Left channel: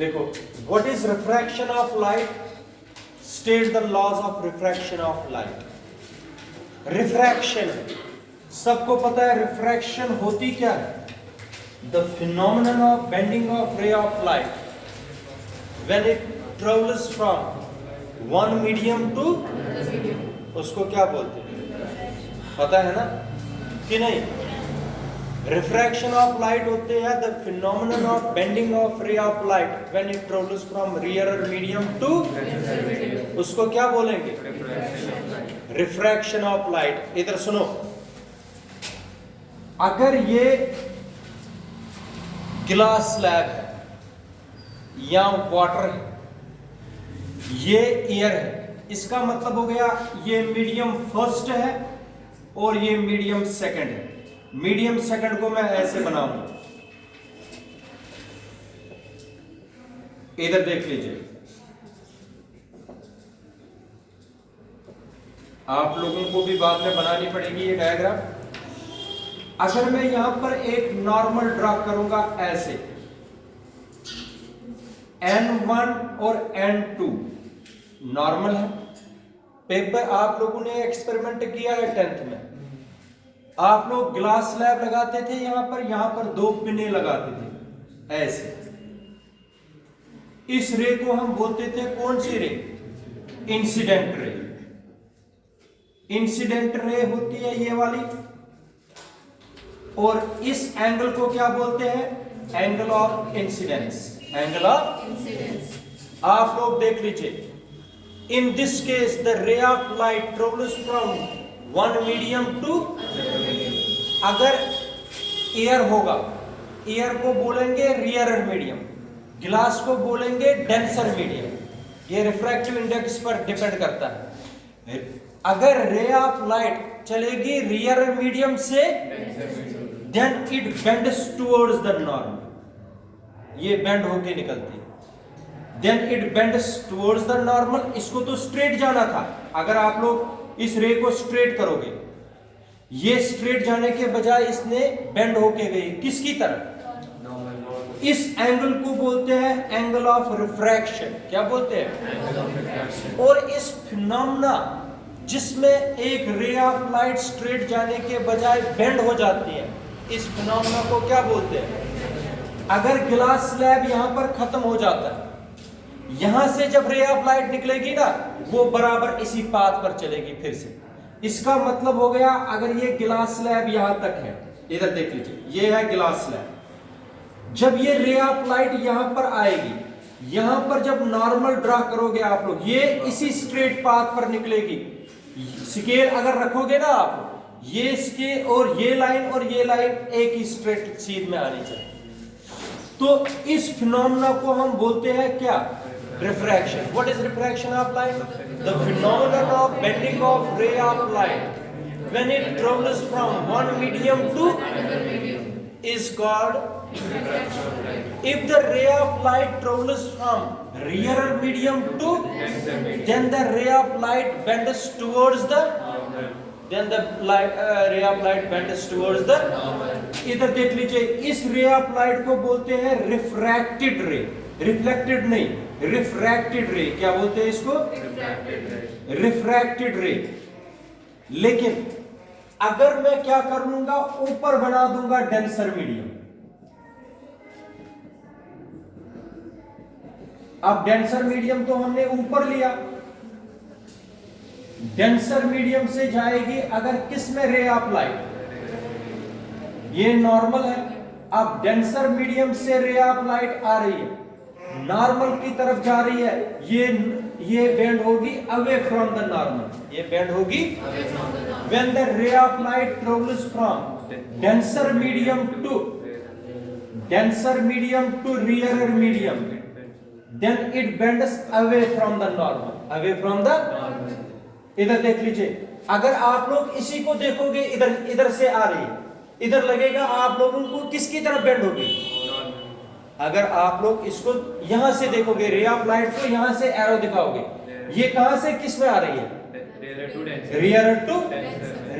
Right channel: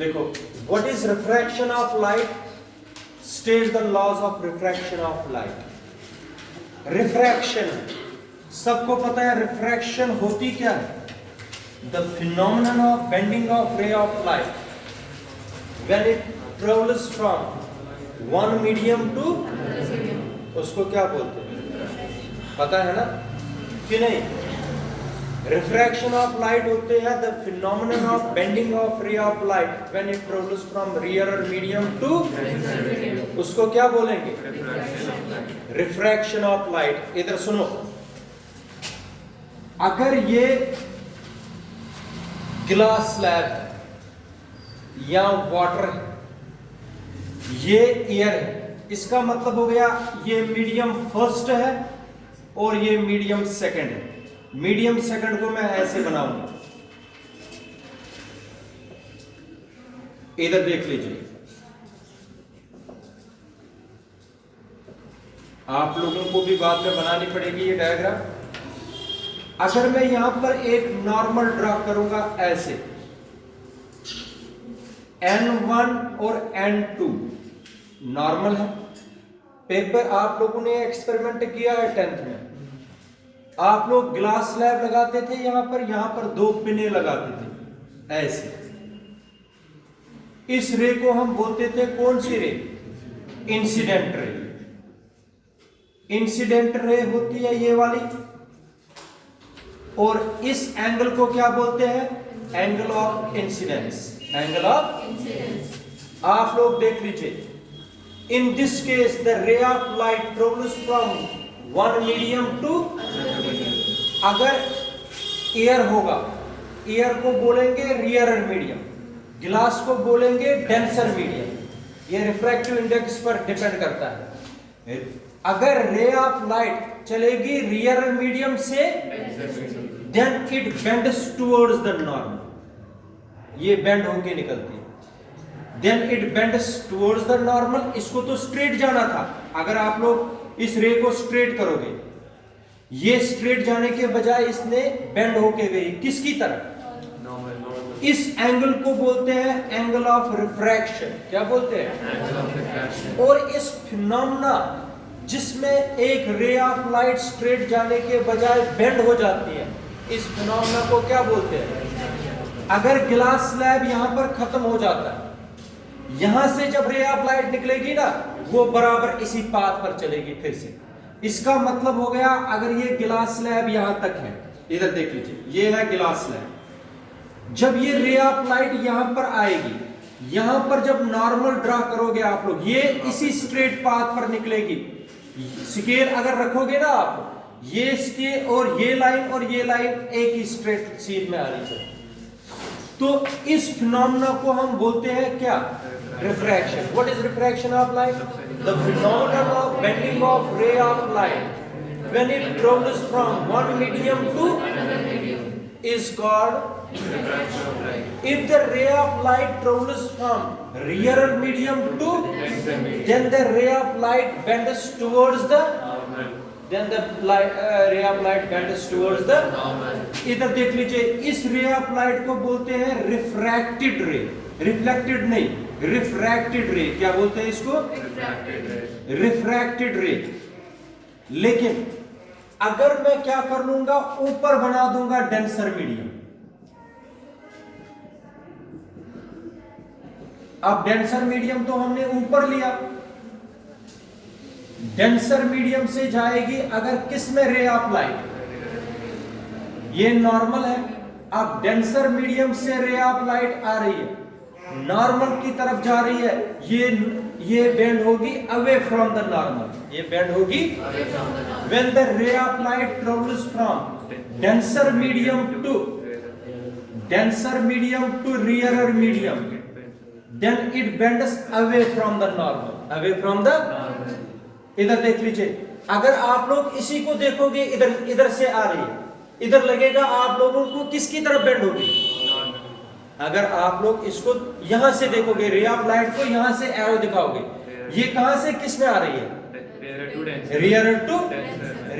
देखो, what is refraction of light? State the laws of refraction of light. Refraction सबको पता है, refraction होती क्या है? The phenomenon of bending of ray of light when it travels from one medium to, उसको क्या बोलते हैं? पता है ना कि नहीं? रिफ्रैक्शन ऑफ लाइट होते हैं the phenomenon of bending of ray of light when it travels from rarer medium to, उसको क्या बोलेंगे? Refraction of light. इधर सुनो, अगर ये ग्लास स्लैब है या वाटर है, ये एयर है, इसका मतलब हो गया ये मीडियम फर्स्ट है और ये मीडियम सेकंड है। मीडियम सेकंड को मैं ऐसे बनाऊंगा, इधर देख लीजिए, आप लोगों को भी बाद में बनानी पड़ेगी ये डायग्राम। अगर मैं यहां पर एक नॉर्मल ड्रा करूंगा ऐसे, N1 और N2 नॉर्मल है। पेपर आप लोगों ने एक्सपेरिमेंट किया है 10th में, आप लोग ग्लास स्लैब लगाते थे, यहां पर 2 पिने लगाते थे ऐसे। इस रे को हम बोलते थे कौन सी रे? Incident ray. इंसिडेंट रे होती है ये वाली, और इस एंगल को क्या बोलते हैं? Angle of incidence. Angle of incidence. आप लोग देख लीजिए, in this case the ray of light travels from one medium to, अगर एयर होगा, एयर को बोलेंगे रियर मीडियम, ग्लास को बोलेंगे डेंसर मीडियम। ये रिफ्रैक्टिव इंडेक्स पर डिपेंड करता है। अगर रे ऑफ लाइट चलेगी रियर मीडियम से, then it bends towards the normal, ये बेंड होके निकलती है। Then it bends towards the normal. इसको तो स्ट्रेट जाना था, अगर आप लोग इस रे को स्ट्रेट करोगे, ये स्ट्रेट जाने के बजाय इसने बेंड होके गई किसकी तरफ? इस एंगल को बोलते हैं एंगल ऑफ रिफ्रैक्शन। क्या बोलते हैं? Angle of refraction. और इस फिनोमेना जिसमें एक रे ऑफ लाइट स्ट्रेट जाने के बजाय बेंड हो जाती है, इस फिनोमेना को क्या बोलते हैं? अगर ग्लास स्लैब यहां पर खत्म हो जाता है, यहां से जब रे ऑफ लाइट निकलेगी ना, वो बराबर इसी पाथ पर चलेगी फिर से। इसका मतलब हो गया, अगर ये ग्लास स्लैब यहां तक है, इधर देख लीजिए, ये है ग्लास स्लैब। जब ये रे ऑफ लाइट यहां पर आएगी, यहां पर जब नॉर्मल ड्रा करोगे आप लोग, ये इसी स्ट्रेट पाथ पर निकलेगी। स्केल अगर रखोगे ना आप, ये स्केल और ये लाइन एक ही स्ट्रेट सीध में आनी चाहिए। तो इस फिनोमेना को हम बोलते हैं क्या? Refraction. What is refraction of light? The phenomenon of bending of ray of light when it travels from one medium to is called refraction of light. If the ray of light travels from rear medium to, then the ray of light bends towards the normal. Then the ray of light bends towards the normal. इधर देख लीजिए, इस रे of light को बोलते हैं refracted रे। Reflected नहीं, रिफ्रैक्टेड रे। क्या बोलते हैं इसको? रिफ्रैक्टेड रे। रिफ्रैक्टेड रे। लेकिन अगर मैं क्या कर लूंगा, ऊपर बना दूंगा डेंसर मीडियम। अब डेंसर मीडियम तो हमने ऊपर लिया, डेंसर मीडियम से जाएगी अगर किस में? रे ऑफ लाइट, ये नॉर्मल है। अब डेंसर मीडियम से रे ऑफ लाइट आ रही है, नॉर्मल की तरफ जा रही है, ये बेंड होगी अवे फ्रॉम द नॉर्मल, ये बेंड होगी when the ray of light travels from denser medium to rearer medium, then it bends away from the normal, away from the normal. इधर देख लीजिए, अगर आप लोग इसी को देखोगे, इधर से आ रही है, इधर लगेगा आप लोगों को किसकी तरफ बेंड होगी? अगर आप लोग इसको यहां से देखोगे, रे ऑफ लाइट को यहां से एरो दिखाओगे, ये कहां से किस में आ रही है? Rear to.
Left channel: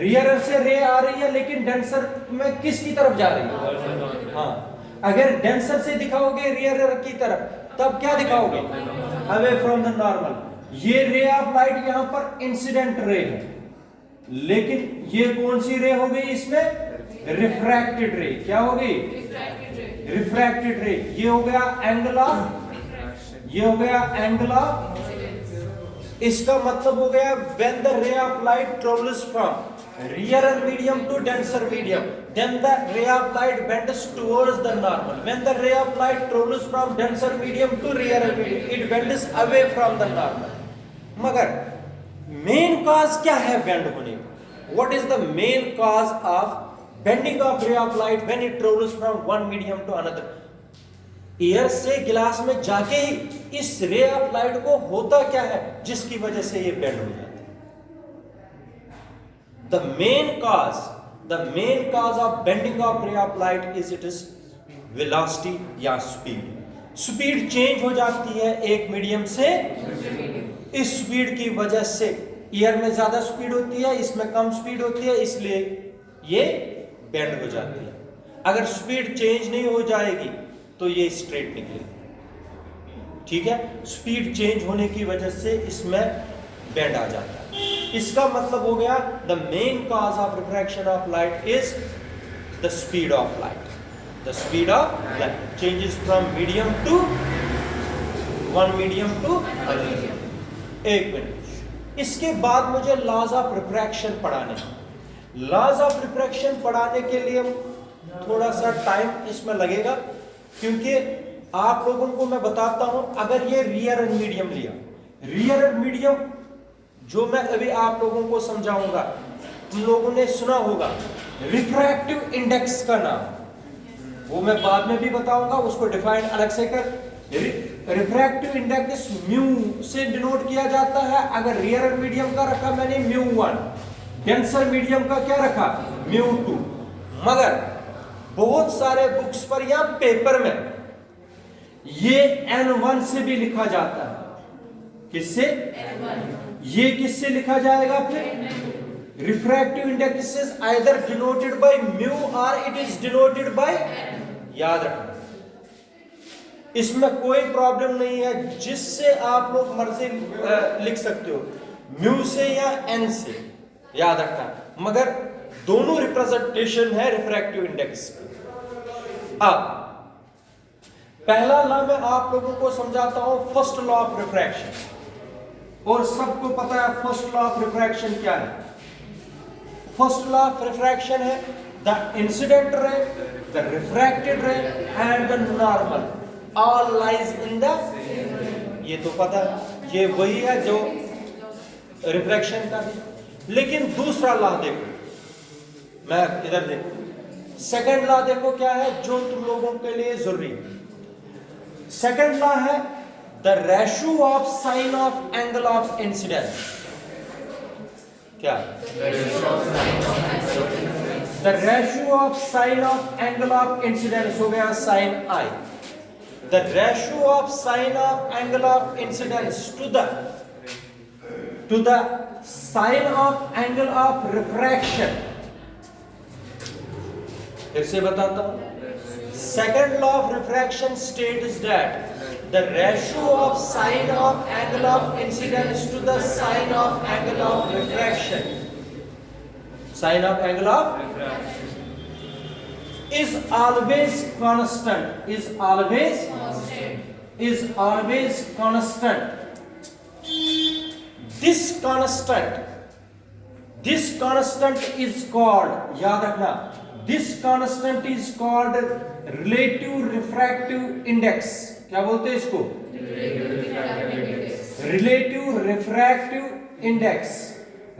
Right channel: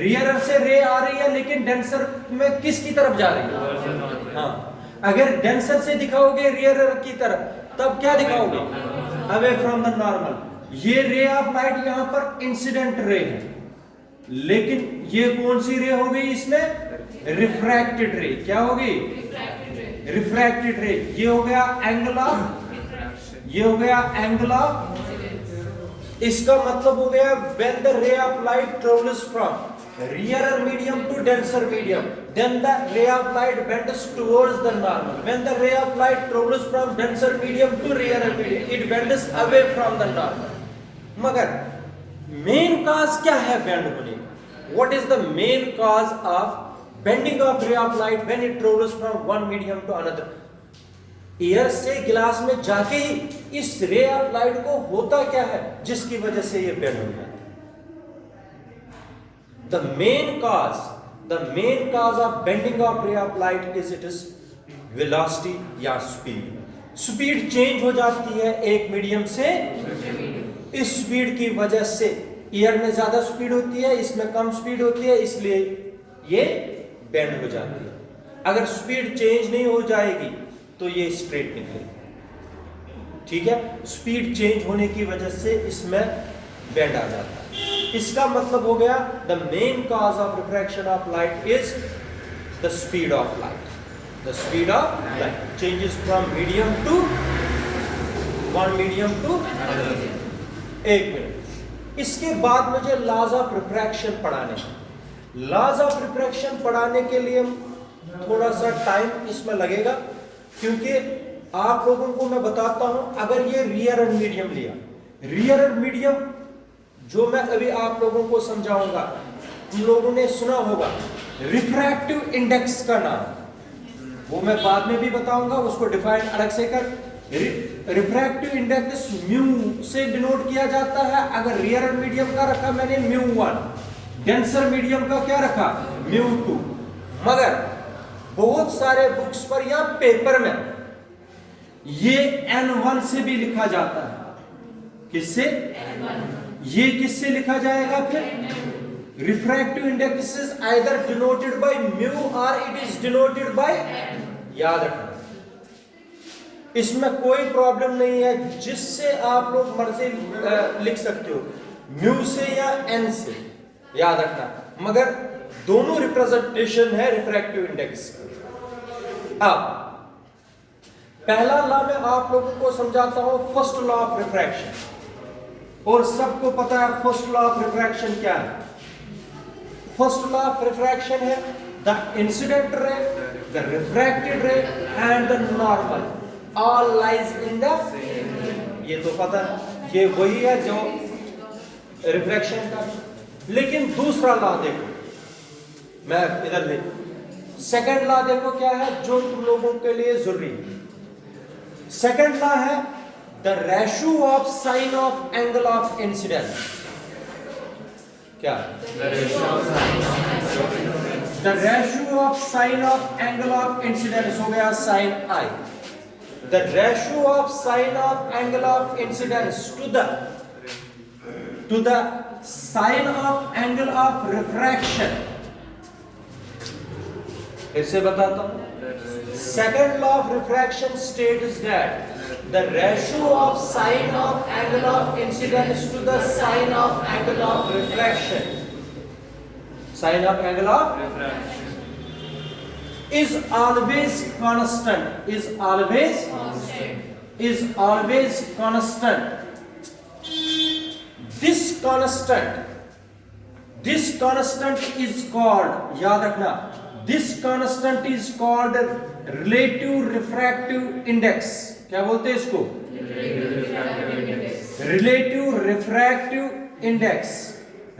रियर से रे आ रही है, लेकिन डेंसर में किसकी तरफ जा रही है? हाँ, अगर डेंसर से दिखाओगे रियर की तरफ, तब क्या दिखाओगे? Away from the normal. ये रे ऑफ लाइट यहां पर इंसिडेंट रे है, लेकिन ये कौन सी रे हो गई इसमें? रिफ्रैक्टेड रे। क्या होगी? रिफ्रैक्टेड रे। ये हो गया एंगल ऑफ, ये हो गया एंगल ऑफ। इसका मतलब हो गया when the ray of light travels from rarer medium to denser medium, then the ray of light bends towards the normal. When the ray of light travels from denser medium to rarer medium, it bends away from the normal. मगर main cause क्या है bend होने का? What is the main cause of bending of ray of light when it travels from one medium to another? Air से गिलास में जाके ही इस रे ऑफ लाइट को होता क्या है जिसकी वजह से ये बेंड हो जाता है? The main cause of bending of ray of light is it is velocity या speed. स्पीड चेंज हो जाती है एक मीडियम से। इस स्पीड की वजह से एयर में ज्यादा स्पीड होती है, इसमें कम स्पीड होती है, इसलिए ये बेंड हो जाती है। अगर स्पीड चेंज नहीं हो जाएगी तो ये स्ट्रेट निकलेगी। ठीक है, स्पीड चेंज होने की वजह से इसमें बेंड आ जाता है। इसका मतलब हो गया the main cause of refraction of light is the speed of light. The speed of light changes from medium to one medium to another. एक मिनट, इसके बाद मुझे लॉज ऑफ रिफ्रैक्शन पढ़ाने हैं। लॉज ऑफ रिफ्रैक्शन पढ़ाने के लिए थोड़ा सा टाइम इसमें लगेगा, क्योंकि आप लोगों को मैं बताता हूं, अगर ये रियर मीडियम लिया, रियर मीडियम जो मैं अभी आप लोगों को समझाऊंगा, तुम लोगों ने सुना होगा रिफ्रैक्टिव इंडेक्स का नाम, वो मैं बाद में भी बताऊंगा, उसको डिफाइन अलग से कर। रिफ्रैक्टिव इंडेक्स म्यू से डिनोट किया जाता है। अगर रियर मीडियम का रखा मैंने μ1, डेंसर मीडियम का क्या रखा μ2। मगर बहुत सारे बुक्स पर या पेपर में ये n1 से भी लिखा जाता है। किससे? ये किससे लिखा जाएगा फिर? Refractive index is either denoted by mu और इट इज डिनोटेड बाय, याद रखना इसमें कोई प्रॉब्लम नहीं है, जिससे आप लोग मर्जी लिख सकते हो, म्यू से या एन से, याद रखना। मगर दोनों रिप्रेजेंटेशन है रिफ्रैक्टिव इंडेक्स। अब पहला लॉ मैं आप लोगों को समझाता हूं, फर्स्ट लॉ ऑफ रिफ्रैक्शन। और सबको पता है फर्स्ट लॉ ऑफ रिफ्रैक्शन क्या है? फर्स्ट लॉ ऑफ रिफ्रैक्शन है the incident ray, the refracted ray and the normal all lies in the, ये तो पता है, ये वही है जो रिफ्रैक्शन का भी। लेकिन दूसरा लॉ देखो, मैं इधर देखो, सेकंड लॉ देखो क्या है जो तुम लोगों के लिए जरूरी है। सेकंड लॉ है the ratio of sine of angle of incidence. क्या? The ratio of sine of angle of incidence हो गया sine i. The ratio of sine of angle of incidence to the sine of angle of refraction. इसे बताता हूं, second law of refraction states that the ratio of sine of angle of incidence to the sine of angle of refraction, sine of angle of refraction is always constant, is always constant. This constant is called, याद रखना, this constant is called relative refractive index। क्या बोलते हैं इसको? Relative refractive index.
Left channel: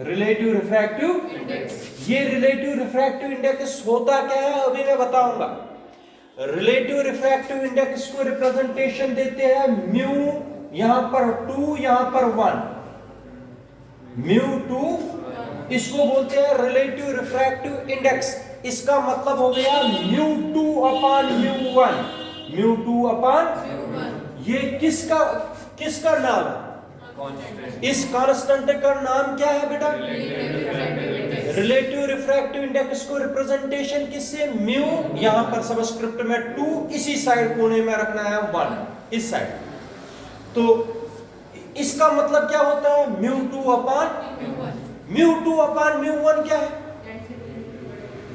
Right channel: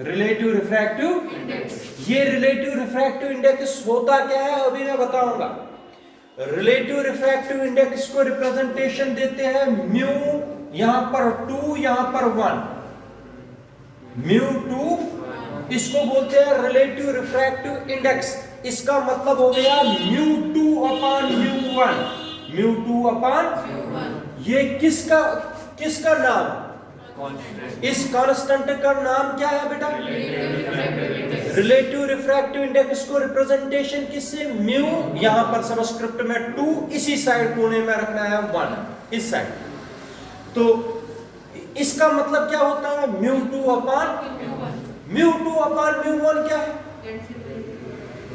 Relative refractive index. ये relative refractive index होता क्या है अभी मैं बताऊंगा। रिलेटिव रिफ्रैक्टिव इंडेक्स को रिप्रेजेंटेशन देते हैं म्यू, यहां पर 2, यहां पर 1, μ2, इसको बोलते हैं रिलेटिव रिफ्रैक्टिव इंडेक्स। इसका मतलब हो गया μ2 अपॉन μ1, μ2 अपॉन, ये किसका नाम? इस कांस्टेंट का नाम क्या है बेटा? रिलेटिव रिफ्रैक्टिव इंडेक्स को रिप्रेजेंटेशन किससे? म्यू, यहां पर सबस्क्रिप्ट में 2, इसी साइड कोने में रखना है 1, इस साइड। तो इसका मतलब क्या होता है, μ2 अपान μ2 अपान μ1 क्या है,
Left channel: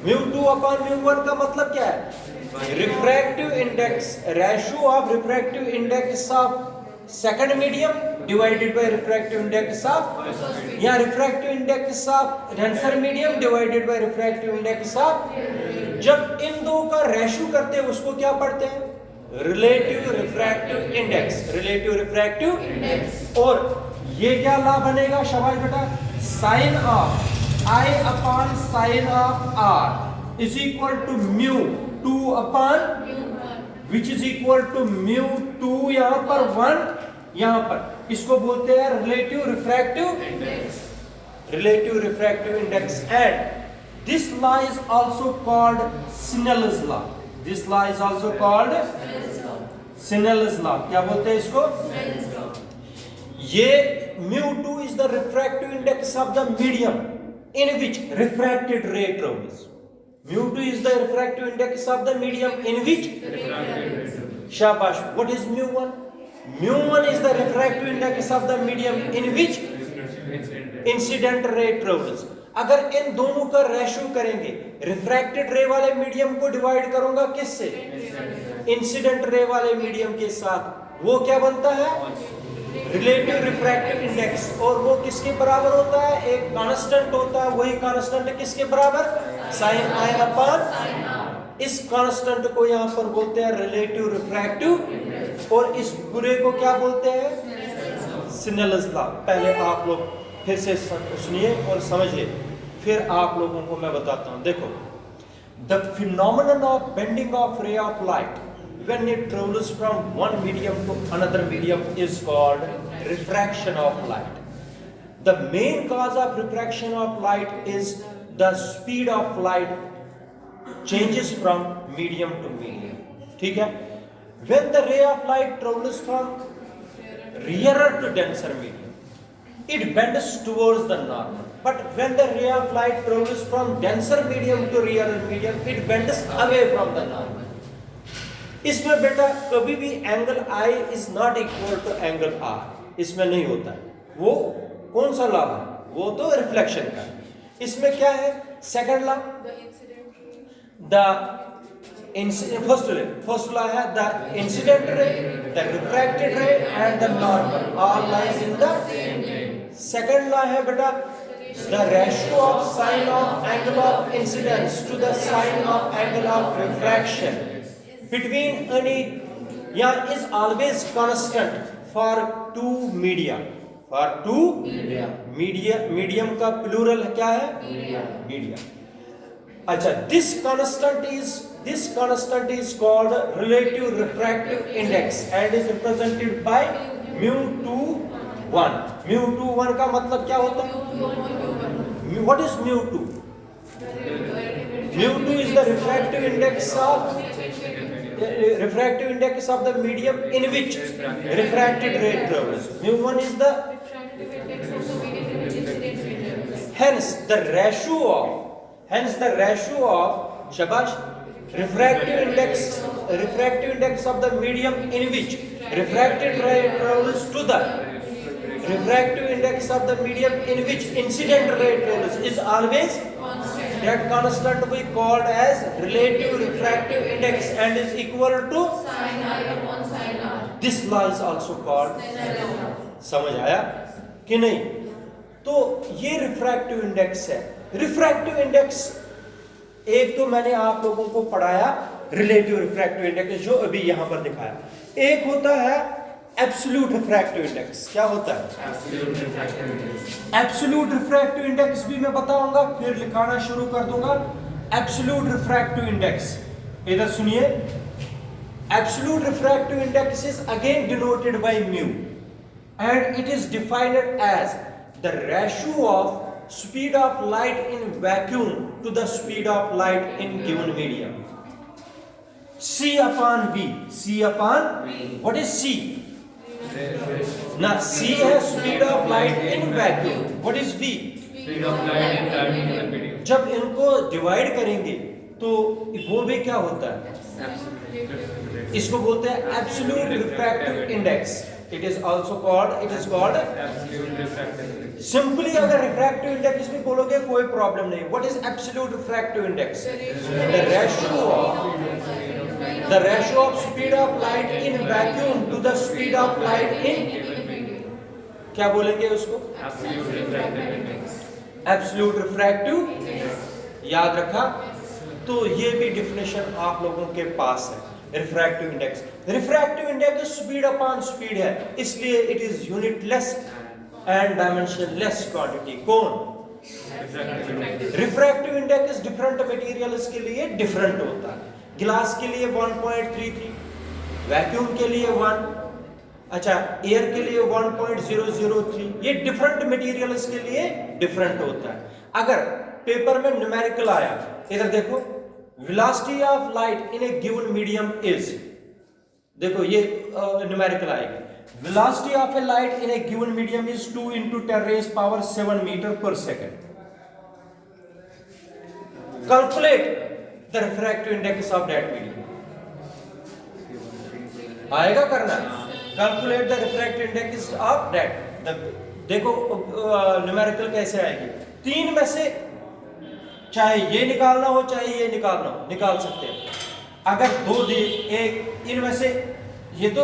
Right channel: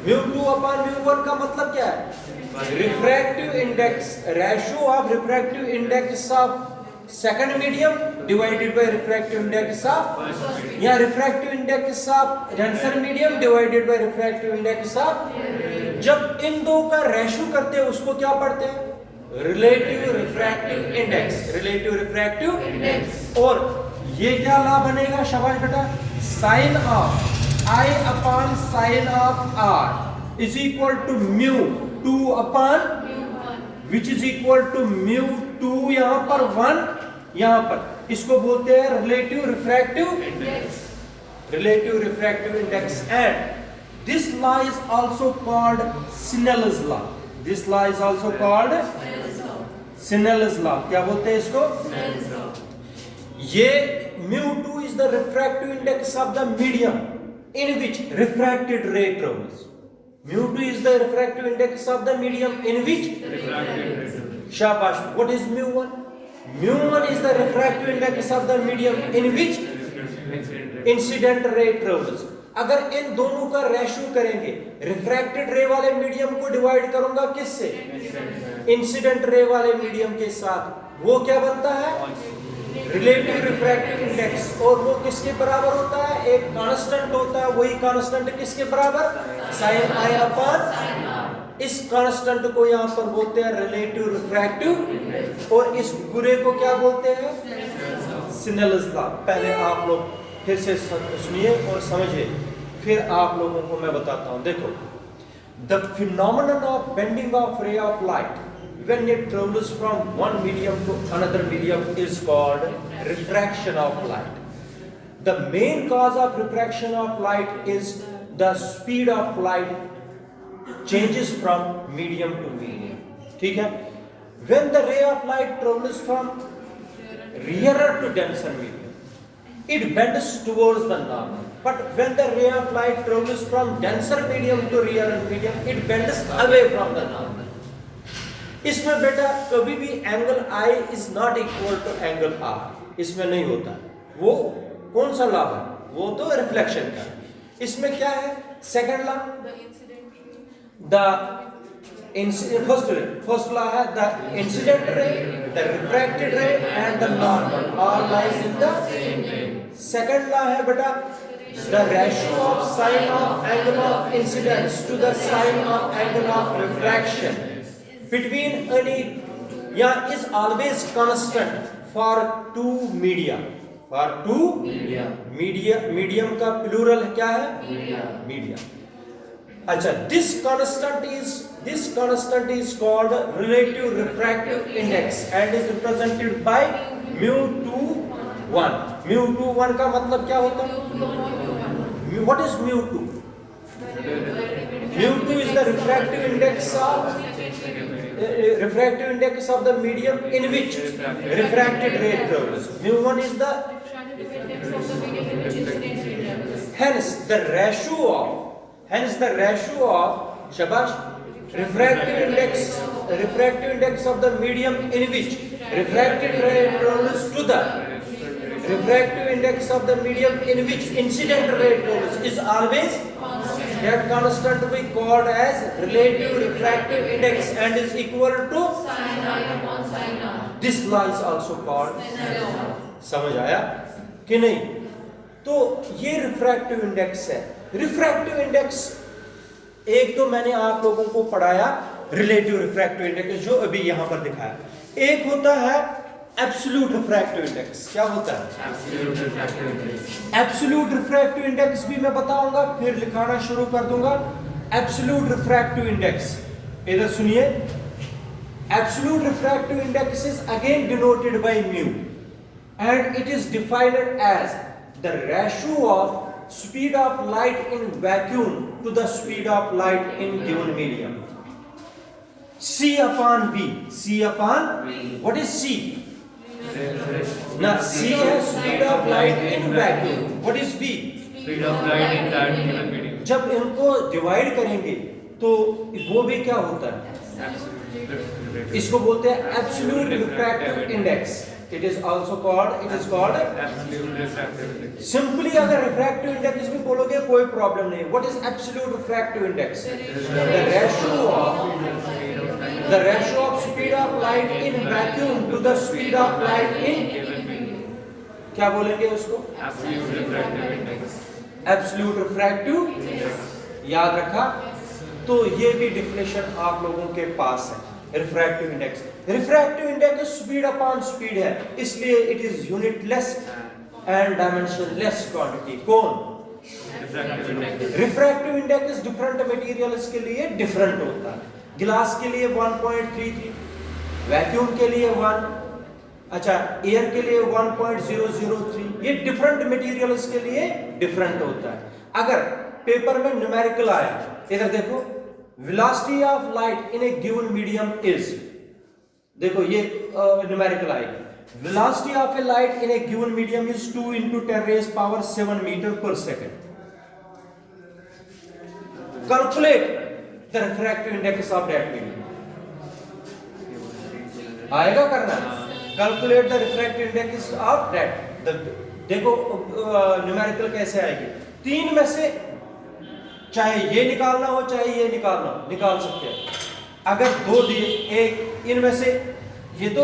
μ2 अपान μ1 का मतलब क्या है, refractive index, ratio of refractive index of second medium divided by refractive index of, या refractive index of denser medium divided by refractive index of. जब इन दो का रेशियो करते हैं उसको क्या पढ़ते हैं, relative refractive index, relative refractive index. और ये क्या लॉ बनेगा शाबाश बेटा, sine of i upon sine of r is equal to mu 2 upon which is equal to mu 2, यहां पर 1, यहां पर इसको बोलते हैं relative refractive index, relative refractive index. And this law is also called snell's law, this law is also called snell's law. क्या बोलते हैं इसको, ये μ2 is the refractive index of the medium in which refracted ray travels. μ2 is the refractive index of the medium in which refracted ray travels. Shabash. What is μ1? μ1 is the refractive index of the medium in which incident ray travels. अगर इन दोनों का ratio करेंगे, refracted रे वाले medium को divide करूंगा किससे, incident ray वाले मीडियम के साथ, वो क्या बनता है, रिलेटिव रिफ्रैक्टिव इंडेक्स। और वो किसके बराबर होता है, एक कांस्टेंट होता है, वही कांस्टेंट किसके बराबर, साइन आई अपान। इस कांस्टेंट को यहां पर बोलते हैं रिलेटिव रिफ्रैक्टिव, और इस पूरे को क्या बोलते हैं, सिनेलस लॉ। पहले आप लोग फिर से सुनिए और समझिए, फिर आप लोगों को मैं बताता हूं। देखो, the phenomenon of bending of ray of light when it travels from one medium to another medium is called refraction of light. The main cause of refraction of light is the speed of light changes from medium to medium. ठीक है? When the ray of light travels from rarer to denser medium, it bends towards the normal. But when the ray of light travels from denser medium to rarer medium, it bends away from the normal. इसमें बेटा कभी भी angle I is not equal to angle R, इसमें नहीं होता है। वो कौन सा लॉ है, वो तो रिफ्लेक्शन का। इसमें क्या है, second law, the incident, first law है the incident ray, the refracted ray and the normal all lies in the same plane. Second law है बेटा the ratio of sine of angle of incidence to the sine of angle of refraction between any, yeah, is always constant for two media, for two medium का plural क्या है, media। अच्छा, this constant is called relative refractive index and is represented by μ21। μ21 का मतलब क्या होता है, what is μ2? μ2 is the refractive index of the medium in which refracted ray travels. μ1 is the hence the ratio of shabash refractive index of the medium in which refracted ray travels to the refractive index of the medium in which incident ray travels is always, that constant we called as relative refractive index and is equal to sin I upon sin R. This law is also called, समझ आया कि नहीं? तो ये refractive index है। Refractive index एक तो मैंने आप लोगों को पढ़ाया रिलेटिव रिफ्रैक्टिव इंडेक्स जो अभी यहां पर दिखाया, एक होता है एब्सोल्यूट रिफ्रैक्टिव इंडेक्स। क्या होता है absolute refractive index? Absolute refractive index भी मैं बताऊंगा, फिर लिखाना शुरू कर दूंगा। एब्सोल्यूट रिफ्रैक्टिव इंडेक्स, इधर सुनिए, absolute refractive index is again denoted by mu and it is defined as the ratio of speed of light in vacuum to the speed of light in given medium. C upon V. C upon V. What is C? Now C है speed of light in vacuum. What is V? Speed of light in that given medium. जब इनको divide करेंगे तो वो भी क्या होता है, इसको बोलते हैं absolute refractive index. It is called Absolute refractive index. Simply अगर refractive index भी बोलोगे कोई प्रॉब्लम नहीं. What is absolute refractive index? The ratio of speed of light in vacuum to the speed of light in, क्या बोलेंगे उसको? Absolute refractive index. Absolute refractive. याद रखा? तो ये भी डिफिनेशन आप लोगों के पास है. Refractive index, refractive index speed upon speed है, इसलिए it is unitless and dimensionless quantity. कौन? Refractive index. Refractive index different materials के लिए डिफरेंट होता है. गिलास के लिए 1.33, वैक्यूम के लिए 1, अच्छा एयर के लिए 1.003. ये डिफरेंट मटेरियल्स के लिए डिफरेंट होता है. अगर पेपर में न्यूमेरिकल आया, इधर देखो, velocity of light in a given medium is, देखो ये न्यूमेरिकल आएगी. velocity of a light in a given medium is 2 into 10 raised power 7 meter per second. Calculate the refractive index of that medium. आएगा करना. Calculate the refractive index of that. देखो numerical कैसे आएगी. 3 में से चाहे ये निकालना हो चाहे ये निकालना हो, निकाल सकते हैं. अगर 2 दिए, एक इनमें से, ये तो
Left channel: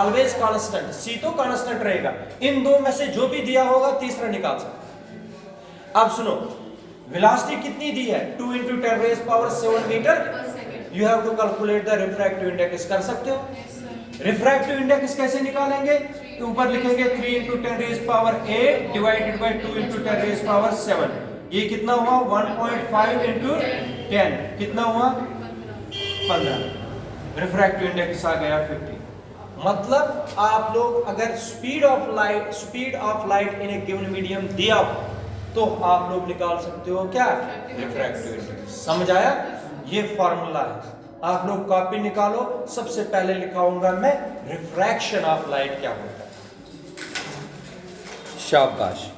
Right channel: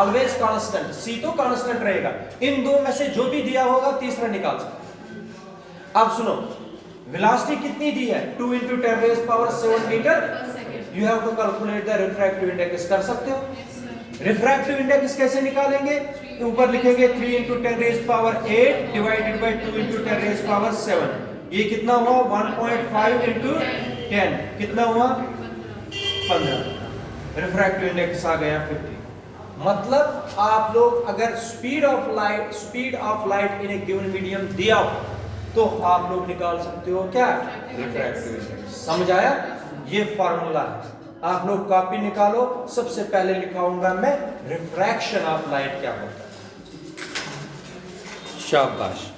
ऑलवेज कांस्टेंट, सी तो कांस्टेंट रहेगा. इन 2 में से जो भी दिया होगा तीसरा निकाल सकते हैं. अब सुनो, वेलोसिटी कितनी दी है? 2 into 10 raised power 7 metre. You have to calculate the refractive index. कर सकते हो? रिफ्रैक्टिव इंडेक्स कैसे निकालेंगे? ऊपर लिखेंगे 3 into 10 raised power 8 divided by 2 into 10 raised power 7. ये कितना हुआ? 1.5 into 10 कितना हुआ? 15. रिफ्रैक्टिव इंडेक्स आ गया 50. मतलब आप लोग अगर speed of light in A given medium दिया हो तो आप लोग निकाल सकते हो क्या? Refractive index. समझ आया? ये फॉर्मूला है. आप लोग कॉपी निकालो. सबसे पहले लिखाऊंगा मैं रिफ्रैक्शन ऑफ लाइट क्या होता है. शाबाश.